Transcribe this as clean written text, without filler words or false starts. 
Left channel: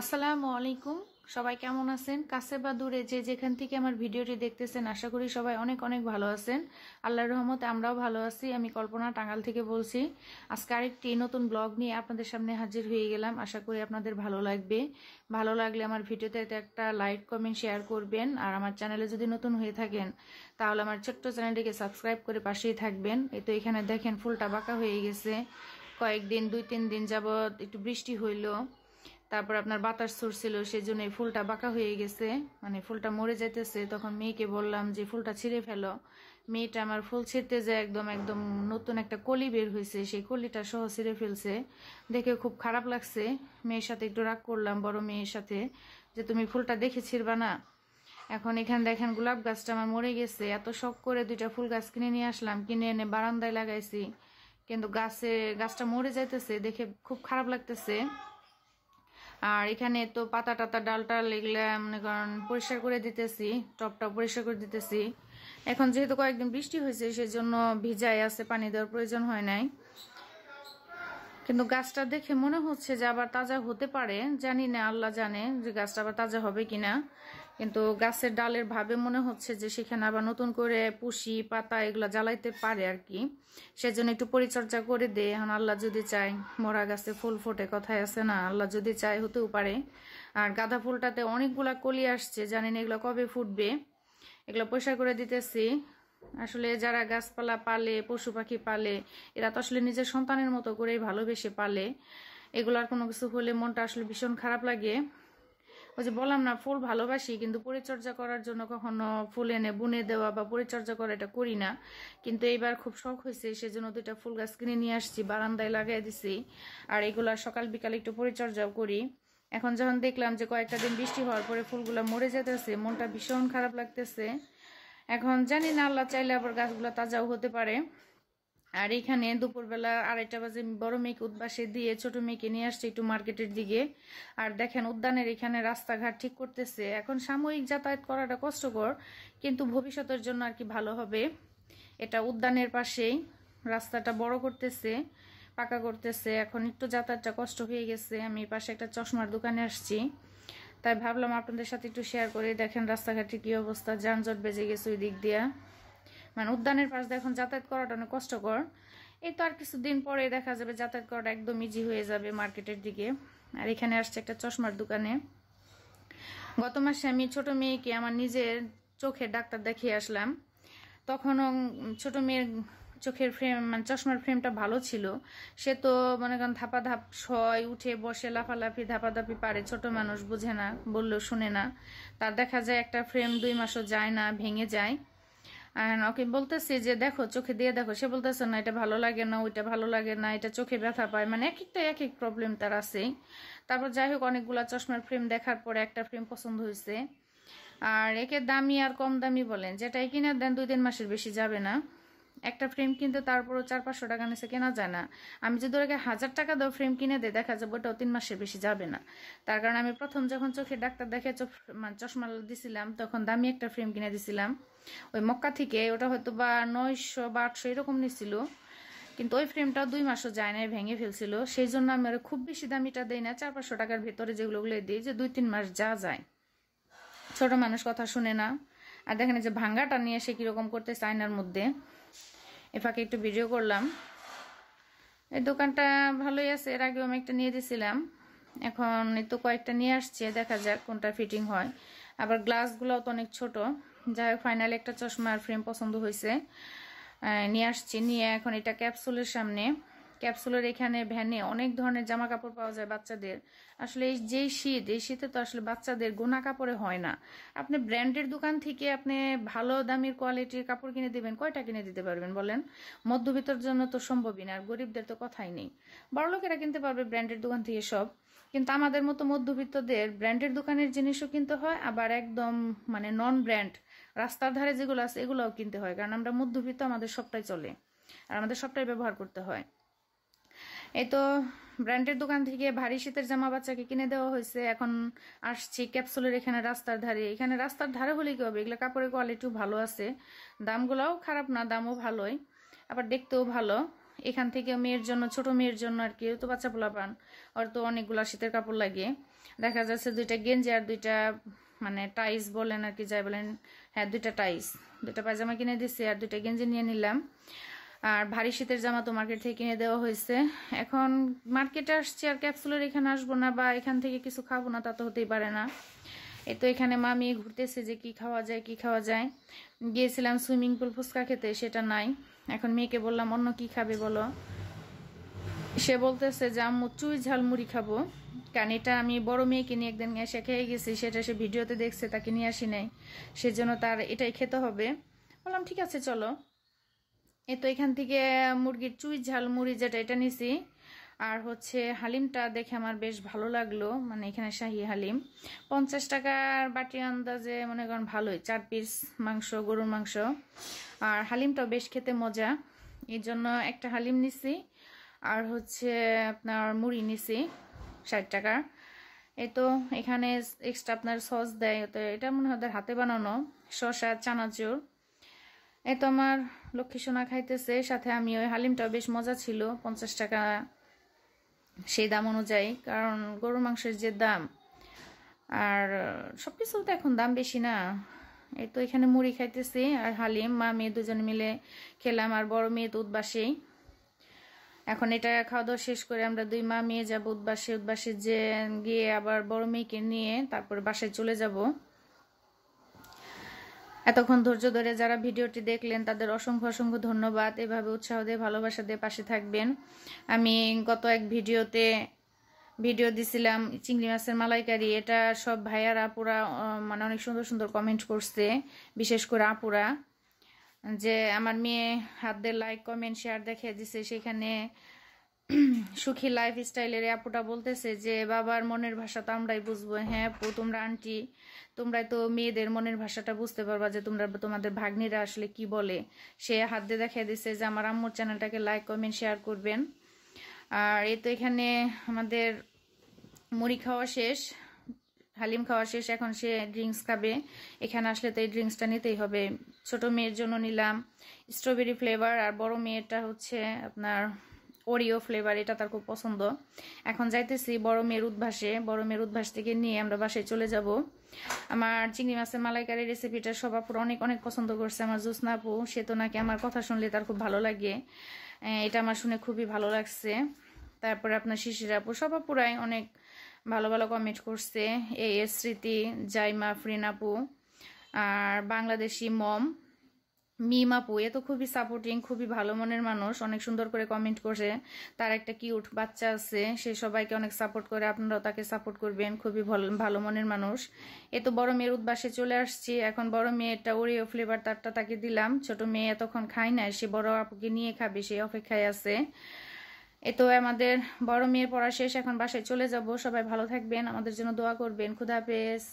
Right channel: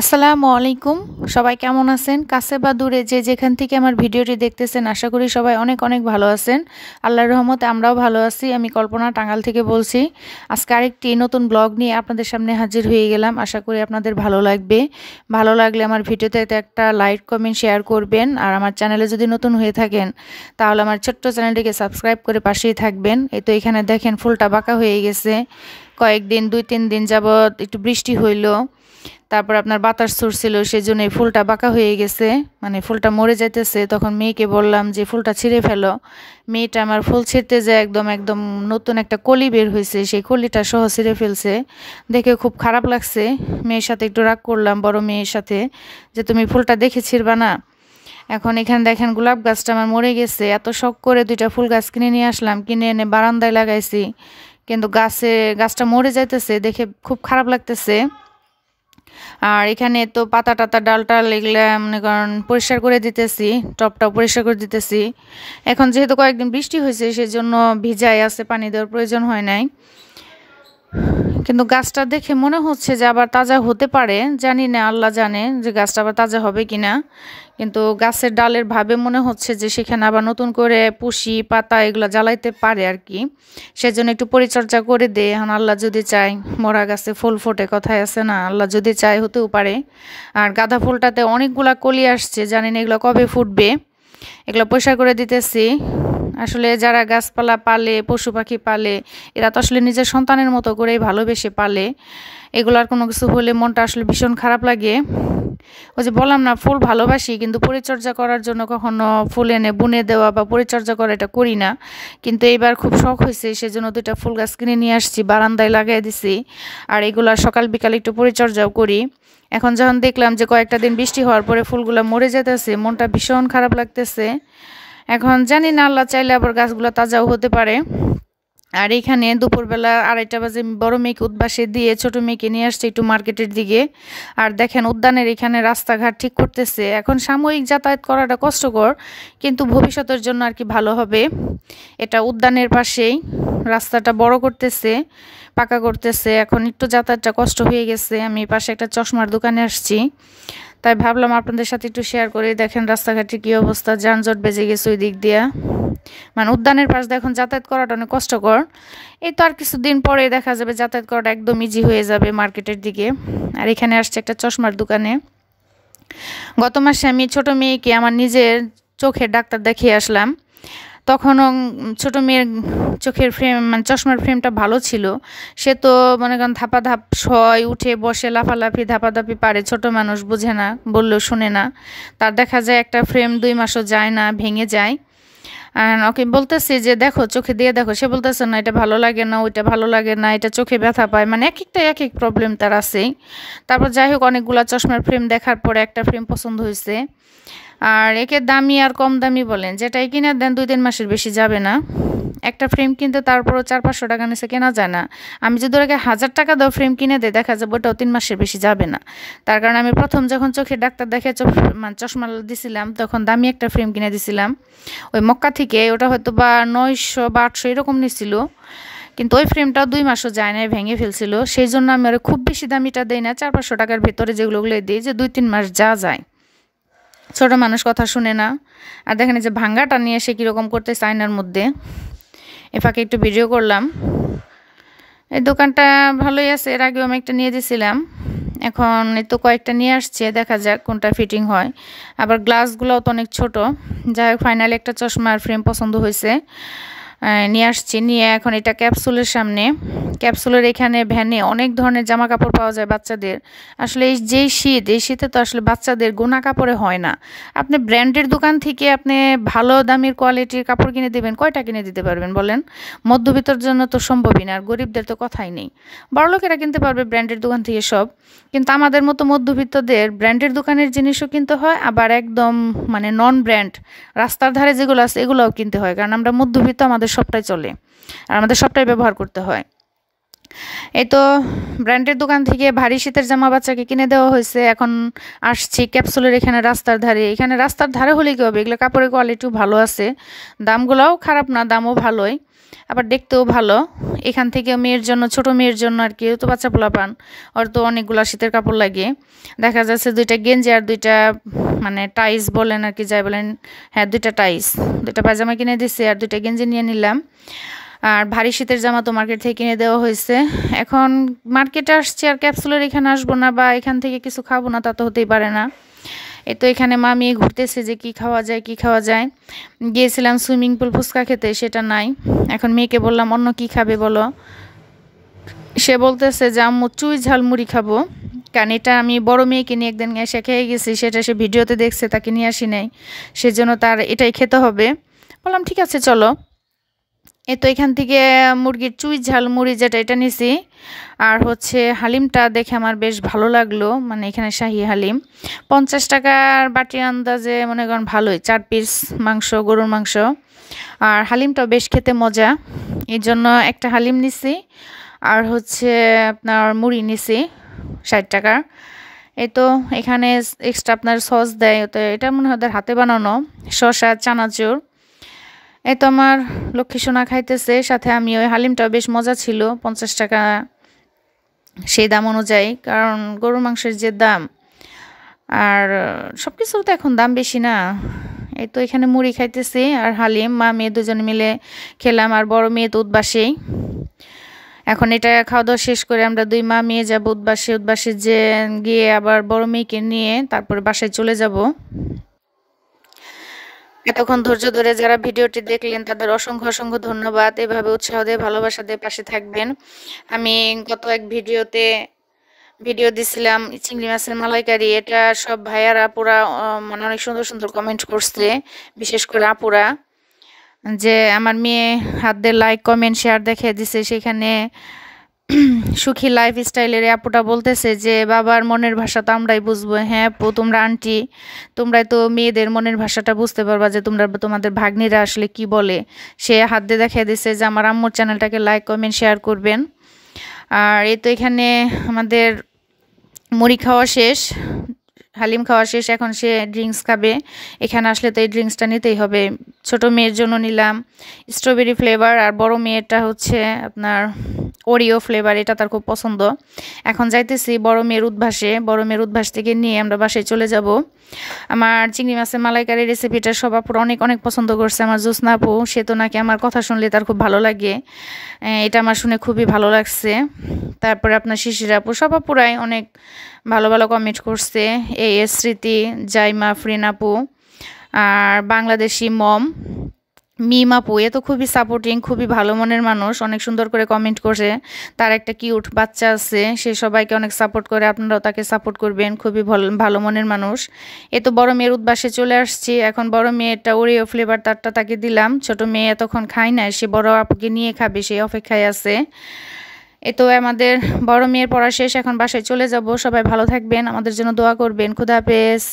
আসসালামু আলাইকুম। সবাই কেমন আছেন? কাছে বা দূরে যে যেখান থেকে আমার ভিডিওটি দেখতেছেন আশা করি সবাই অনেক অনেক ভালো আছেন। আল্লাহর রহমতে আমরাও ভালো আছি। আমি কল্পনা টাঙ্গাইল থেকে বলছি। আজকে আরেকটি নতুন ব্লগ নিয়ে আপনাদের সামনে হাজির হয়ে গেলাম। আশা করি আপনাদের ভালো লাগবে। ভালো লাগলে আমার ভিডিওতে একটা লাইক কমেন্ট শেয়ার করবেন। আর আমার চ্যানেলে যদি নতুন হয়ে থাকেন তাহলে আমার ছোট্ট চ্যানেলটিকে সাবস্ক্রাইব করে পাশেই থাকবেন। এই তো এখানে দেখেন ফুলটা বাঁকা হয়ে গেছে। কয়েকদিন 2-3 দিন যাবত একটু বৃষ্টি হইলো। তারপর আপনার বাতাস ছুটছিল, সেজন্য এই ফুলটা বাঁকা হয়ে গেছে, মানে ফুলটা মরে যাইতেছে। তখন মেয়েকে বললাম যে ফুলটা ছিঁড়ে ফেলো। মেয়েটা আমার ফুল ছিঁড়তে যায় একদম একদম নতুন একটা কলি বের হয়েছে, সেই কলিটা সহ ছিঁড়ে ফেলছে। দেখে খুব খারাপ লাগছে। মেয়ের সাথে একটু রাগ করলাম, বড় মেয়ের সাথে, যে তুমি ফুলটা দেখে ছিঁড়বা না। এখন এখানে দেখেন গোলাপ গাছটা আমার মরে গেছে। এত শখ করে 2টা ফুল গাছ কিনে নিয়ে আসলাম, কিনে এনে বারান্দায় লাগাইছি, কিন্তু গাছটা মরে যাইতেছে, দেখে খুব খারাপ লাগতেছে। আর এখানে তো পাতা টাতা ডাল টাল এগুলা মনে করেন পরিষ্কার করে দিতেছি, টবটাও পরিষ্কার করে দিতেছি। এখন যেহেতু কয়েকদিন বৃষ্টি হয়েছে সেজন্য ভিজাই আছে, পানি দেওয়ার প্রয়োজন হয় নাই। কিন্তু গাছটা দেখে মনে হচ্ছে যে আবার তাজা হতে পারে, জানি না, আল্লাহ জানে যে গাছটা আবার তাজা হবে কিনা। কিন্তু গাছের ডালের ভাবে মনে হচ্ছে যে সেখানে আবার নতুন করে পুষি পাতা এগুলো জ্বালাইতে পারে আর কি। সেজন্য একটু পরিচর্যা করে দে। এখন আল্লাহ যদি চায়, মরা গাছে ফুল ফোটে কথায় আছে না, আল্লাহ যদি চায় হতেও পারে। আর গাঁদা ফুলটাতে অনেকগুলা কলি আসছে, জানি না এগুলো কবে ফুটবে। এগুলো পরিষ্কার করে দিতেছি। আসলে যারা গাছপালা পালে, পশু পাখি পালে, এরা তো আসলে নিজের সন্তানের মতো করেই ভালোবেসে পালে। এগুলার কোনো কিছু হলে মনটা আসলে ভীষণ খারাপ লাগে। ওই যে বললাম না, ফুল ভালোবাসি কিন্তু পরিচর্যা করার জন্য কখনো ফুল এনে বুনে দেওয়া বা পরিচর্যা করা এটা করি না। কিন্তু এইবার খুব শখ হয়েছে, সেজন্য 2টা ফুল গাছ কিনে নিয়ে আসছি, বারান্দায় লাগিয়ে দিছি। আর এগুলা সকাল বিকাল একটু পরিচর্যাও করি। এখন যখন দেখলাম যে কয়েকটা দিন বৃষ্টি হওয়ার পরে ফুলগুলো মরে যেতেছে, মনটা ভীষণ খারাপ লাগতেছে। এখন জানি না, আল্লাহ চাইলে আবার গাছগুলো তাজাও হতে পারে। আর এখানে দুপুরবেলা 2:30 বাজে বড় মেয়েকে উদ্বাসে দিয়ে ছোট মেয়েকে নিয়ে আসছে একটু মার্কেটের দিকে। আর দেখেন উদ্যানের এখানে রাস্তাঘাট ঠিক করতেছে। এখন সাময়িক যাতায়াত করাটা কষ্টকর, কিন্তু ভবিষ্যতের জন্য আর কি ভালো হবে। এটা উদ্যানের পাশেই রাস্তাটা বড় করতেছে, পাকা করতেছে। এখন একটু যাতায়াতটা কষ্ট হয়ে গেছে। আমি পাশে একটা চশমার দোকানে আসছি, তাই ভাবলাম আপনাদের সাথে একটু শেয়ার করে। দেখেন রাস্তাঘাটের কী অবস্থা, যানজট বেজে গেছে ওই দিক দিয়া। মানে উদ্যানের পাশ দিয়ে এখন যাতায়াত করাটা অনেক কষ্টকর। এই তো আর কিছুদিন পরে দেখা যাবে যাতায়াত করাটা একদম ইজি হয়ে যাবে মার্কেটের দিকে। আর এখানে আসছে একটা চশমার দোকানে। গত মাসে আমি ছোট মেয়েকে আমার নিজের চোখের ডাক্তার দেখিয়ে আসলাম। তখনও ছোট মেয়ের চোখের ফ্রেম, মানে চশমার ফ্রেমটা ভালো ছিল। সে তো মনে করেন ধাপাধাপ শয়, উঠে বসে লাফালাফি ধাপাধাপি পারে, ছোট মানুষ বোঝে না, বললেও শোনে না। তার দেখা যায় একটা ফ্রেম 2 মাসও যায় না, ভেঙে যায়। আর ওকে বলতেছি যে দেখো, চোখে দিয়ে দেখো, সে বলতেছে না এটা ভালো লাগে না, ওইটা ভালো লাগে না, এটা চোখে ব্যথা পায়, মানে এক একটা এক এক প্রবলেম তার আছেই। তারপর যাই হোক, অনেকগুলা চশমার ফ্রেম দেখার পরে একটা ফ্রেম পছন্দ হয়েছে। আর একে দামি আর কম দামি বলেন, যেটাই কিনে দেন 2-3 মাসের বেশি যাবে না। একটা ফ্রেম কিনতে তারপরও 400-500 টাকা নিচে কেনা যায় না। আমি যদি ওকে 1000 টাকা দাও ফ্রেম কিনে দেয়, দেখা যাবে ওটাও 3 মাসের বেশি যাবে না। তার কারণে আমি প্রথম যখন চোখের ডাক্তার দেখে মানে চশমা দিছিলাম, তখন দামি একটা ফ্রেম কিনে দিছিলাম ওই মক্কা থেকে। ওটা হয়তো বা 900 বা 800 এরকম নিছিল। কিন্তু ওই ফ্রেমটা 2 মাসও যায় না, ভেঙে ফেলছিল। সেই জন্য আমি ওরা খুব বেশি দামিটা দেই না, 400-500 টাকার ভিতরে যেগুলো দিই, যে 2-3 মাস যা যায়। ছোট মানুষ কথা শুনে না। আর দেখেন যে ভাঙ্গাটা নিয়ে সে কীরকম করতে আয়নার মধ্যে। এ ফাঁকে একটু ভিডিও করলাম। এই দোকানটা ভালোই আছে, এর আগেও আমি একটা নিয়ে দিয়েছিলাম। এখন এই তো কয়েকটা নিয়ে আসছে, দেখা যাক কোনটা ফিটিং হয়। আবার গ্লাসগুলোও তো অনেক ছোট। যাই হোক, ফাইনালি একটা চশমার ফ্রেম পছন্দ হয়েছে, নিয়ে আসছি। নিয়ে এখন এটা ক্যাপসুলের সামনে। ক্যাপসুলের এখানে ভ্যানে অনেক ধরনের জামা কাপড় পাওয়া যায় বাচ্চাদের। আসলে এই শীতে তো আসলে বাচ্চাদের গোনা কাপড়ে হয় না। আপনি ব্র্যান্ডের দোকান থেকে আপনি ভালো দামের কোয়ালিটির কাপড় কিনে দেবেন, কয়টা কিনে দিতে পারবেন বলেন? মধ্যবিত্তর জন্য তো সম্ভবই না, আর গরিবদের তো কথাই নেই। বড়লোকেরা কিনতে পারবে ব্র্যান্ডের দোকান থেকে সব, কিন্তু আমাদের মতো মধ্যবিত্তদের ব্র্যান্ডের দোকানের জিনিসও কিনতে হয়, আবার একদম মানে নন ব্র্যান্ড রাস্তার ধারে যেগুলো আছে এগুলোও কিনতে হয়, কারণ আমরা মধ্যবিত্ত, আমাদের সবটাই চলে আর আমাদের সবটাই ব্যবহার করতে হয়। এই তো ব্র্যান্ডের দোকান থেকে ভারী শীতের জামা বাচ্চাকে কিনে দেওয়া হয়েছে। এখন আসছি ক্যাপসুলের এখানে রাস্তার ধারে। এখানে রাস্তার ধারে হলে কী হবে, এগুলো কাপড়ের কোয়ালিটিও ভালো আছে, দামগুলোও খারাপ না, দামও ভালোই। আবার দেখতেও ভালো। এখান থেকে মেয়ের জন্য, ছোট মেয়ের জন্য আর কি, তো বাচ্চা পোলাপান, ওর তো অনেকগুলো শীতের কাপড় লাগে। দেখা যাচ্ছে 2টা গেঞ্জি আর 2টা মানে টাইস বলেন আর কি, যাই বলেন, হ্যাঁ 2টা টাইস, 2টা পায়জামা কিনে দিছি আর 2টা গেঞ্জি নিয়ে নিলাম। আর ভারী শীতের জামা তো মার্কেট থেকে কিনে দেওয়া হয়েছে। এখন মার্কেটে আসছি আর ক্যাপসুলের এখানে আসবো না বা এখান থেকে কিছু খাবো না, তা তো হতেই পারে না। এই তো এখানে মামি ঘুরতেছে যে কি খাওয়া যায় কি খাওয়া যায়। গিয়েছিলাম সুইমিং পুল ফুচকা খেতে, সেটা নাই। এখন মেয়েকে বললাম অন্য কি খাবে বলো। সে বলতেছে যে আম্মু চুই ঝাল মুড়ি খাবো, কারণ এটা আমি বড় মেয়েকে নিয়ে একদিন এসে খেয়ে গেছি, সেটা সে ভিডিওতে দেখছে, তাকে নিয়ে আসি নাই, সেজন্য তার এটাই খেতে হবে। বললাম ঠিক আছে চলো। এই তো এখান থেকে মুরগির চুই ঝাল মুড়ি যেটা, এটা নিছি। আর হচ্ছে হালিমটা দেখে আমার বেশ ভালো লাগলো, মানে এখানে শাহী হালিম 50 টাকার বাটির আন্দাজে মনে করেন ভালোই, 4 পিস মাংস, গরুর মাংস। আর হালিমটাও বেশ খেতে মজা, এই জন্য একটা হালিম নিছি। আর হচ্ছে আপনার মুড়ি নিছি 60 টাকার। এই তো এখানে এক্সট্রা আপনার সস দেয়, তো এটা মনে হয় ওদের হাতে বানানো, শসা, চানাচুর। এই তো আমার লক্ষ্মী সোনা খাইতেছে, সাথে আমি, ওই হালিমটাও বেশ মজা ছিল, 50 টাকা সেই দাম অনুযায়ী, কারণ গরুর মাংসের যে দাম, আর সব কিছুর তো এখন দাম বেশি না। এই তো এখানে মুড়ি খাইতেছি আর হালিম, মা মেয়ে দুজনে মিলে খেলাম, আর বড় মেয়ে তো উদ্বাসেই। এখন এটা খাওয়া দাওয়া শেষ করে আমরা 2 মা মেয়ে যাবো উদ্বাসে, উদ্বাসে যে গিয়ে আবার বড় মেয়েকে নিয়ে তারপরে বাসায় চলে যাব। এতক্ষণ ধৈর্য ধরে যারা ভিডিওটি দেখলেন তাদের অসংখ্য অসংখ্য ধন্যবাদ। এভাবে উৎসাহ দিয়ে, ভালোবাসা দিয়ে পাশে থাকবেন। আমি গত এক ভিডিওতে ভিডিও দিছিলাম চিংড়ি মাছের মালাইকারি, এটা সব ভাইয়ারা আপুরা মানে অনেক সুন্দর সুন্দর কমেন্ট করছে, বিশেষ করে আপুরা, যে আমার মেয়ে হাত দিয়ে লাইক কমেন্ট শেয়ার দেখে দিছে। সেখানে সুখী লাইফ স্টাইলের আপুটা বলতেছে যে বাবার মনের ভাষা তো আমরাই বুঝবো। হ্যাঁ আপু, তোমরা আন্টি, তোমরাই তো মেয়েদের মনের ভাষাটা বুঝতে পারবা, যে তোমরা তোমাদের ভাগ্নিরা আসলে কি বলে। সে হাত দিয়ে দেখে দিছে যে আমার আম্মুর চ্যানেলটাকে লাইক কমেন্ট শেয়ার করবেন। আর এই তো এখানে আমাদের মুড়ি খাওয়া শেষ, হালিম খাওয়া শেষ, এখন সে ড্রিঙ্কস খাবে। এখানে আসলে তো এই ড্রিঙ্কসটা নিতেই হবে। ছোট মেয়ের জন্য নিলাম স্ট্রবেরি ফ্লেভার, আর বড় মেয়েরটা হচ্ছে আপনার ওরিও ফ্লেভার, এটা তার খুব পছন্দ। এখন যাইতেছি বড় মেয়ের উদ্ভাসে, বড় মেয়ের উদ্ভাস থেকে নিয়ে আমরা বাসায় চলে যাব। আমার চিংড়ি মাছের মালাইকারি রেসিপিটা সব আপুরা অনেক অনেক পছন্দ করছে। আমার জোসনা আপু, সে তো নাকি আমার কথা শুনলে তার খুব ভালো লাগে, এটা আমার শুনে খুবই ভালো লাগছে। তারপরে আপনার শিশির আপু, সব আপুরাই অনেক ভালো ভালো কমেন্ট করছে। এই স্মৃতি, জাইমা, ফ্রিন আপু, আর বাংলাদেশি মম, মিম আপু, এ তো খুবই সাপোর্টিং, খুবই ভালো মনের মানুষ, অনেক সুন্দর করে কমেন্ট করছে। তার একটা কিউট বাচ্চা আছে, সে সবাইকে অনেক সাপোর্ট করে, আপনারাও তাকে সাপোর্ট করবেন, খুবই ভালো মনের মানুষ। এ তো বড় মেয়ের উদ্বাসে চলে আসছি। এখন বড় মেয়েটা ওরিও ফ্লেভার তারটা তাকে দিলাম, ছোট মেয়ে এতক্ষণ খায় না, সে বড় আপুকে নিয়ে খাবে, সেই অপেক্ষায় আছে। এ তো আমাদের বড় মেয়ের পড়া শেষ, এখন বাসায় চলে যাব। সবাই ভালো থাকবেন, আমাদের জন্য দোয়া করবেন। খুদা হাফেজ।